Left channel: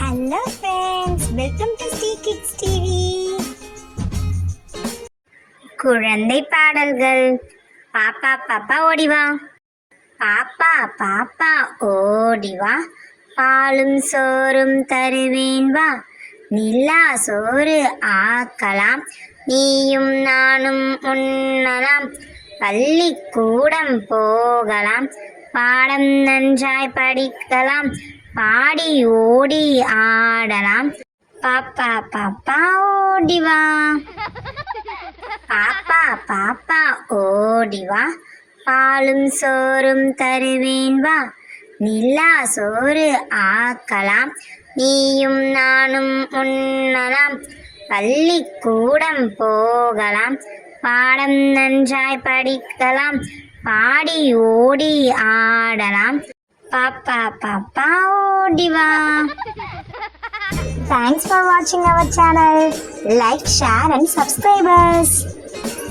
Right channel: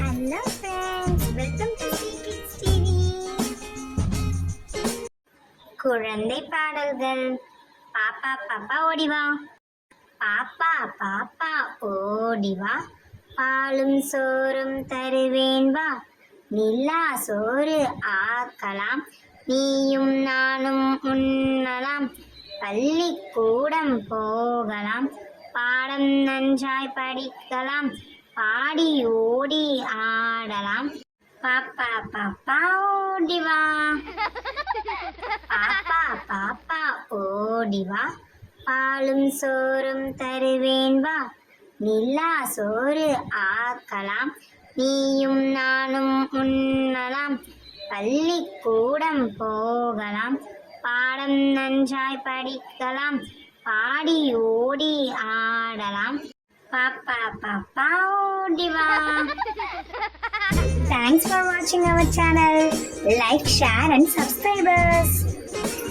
Hello friends welcome to Sri kids TV குழந்தை பாடல்கள். பாப்பா பாப்பா ஓடிவா. பாப்பா பாப்பா ஓடிவா. பாலும் சோறும் தருவேன் வா. நில்லா சோறு ஆக்கலாம். நீயும் நானும் உண்ணலாம். பள்ளிக்கூடம் போகலாம். பாடம் நன்றாய் படிக்கலாம். பாடி ஓடி ஆடலாம். பாப்பா பாப்பா ஓடிவா. பாப்பா பாப்பா ஓடிவா. பாலும் சோறும் தருவேன் வா. நில்லா சோறு ஆக்கலாம். நீயும் நானும் உண்ணலாம். பள்ளிக்கூடம் போகலாம். பாடம் நன்றாய் படிக்கலாம். பாடி ஓடி ஆடலாம். பாப்பா பாப்பா Thanks for watching our channel. Like, share and subscribe us.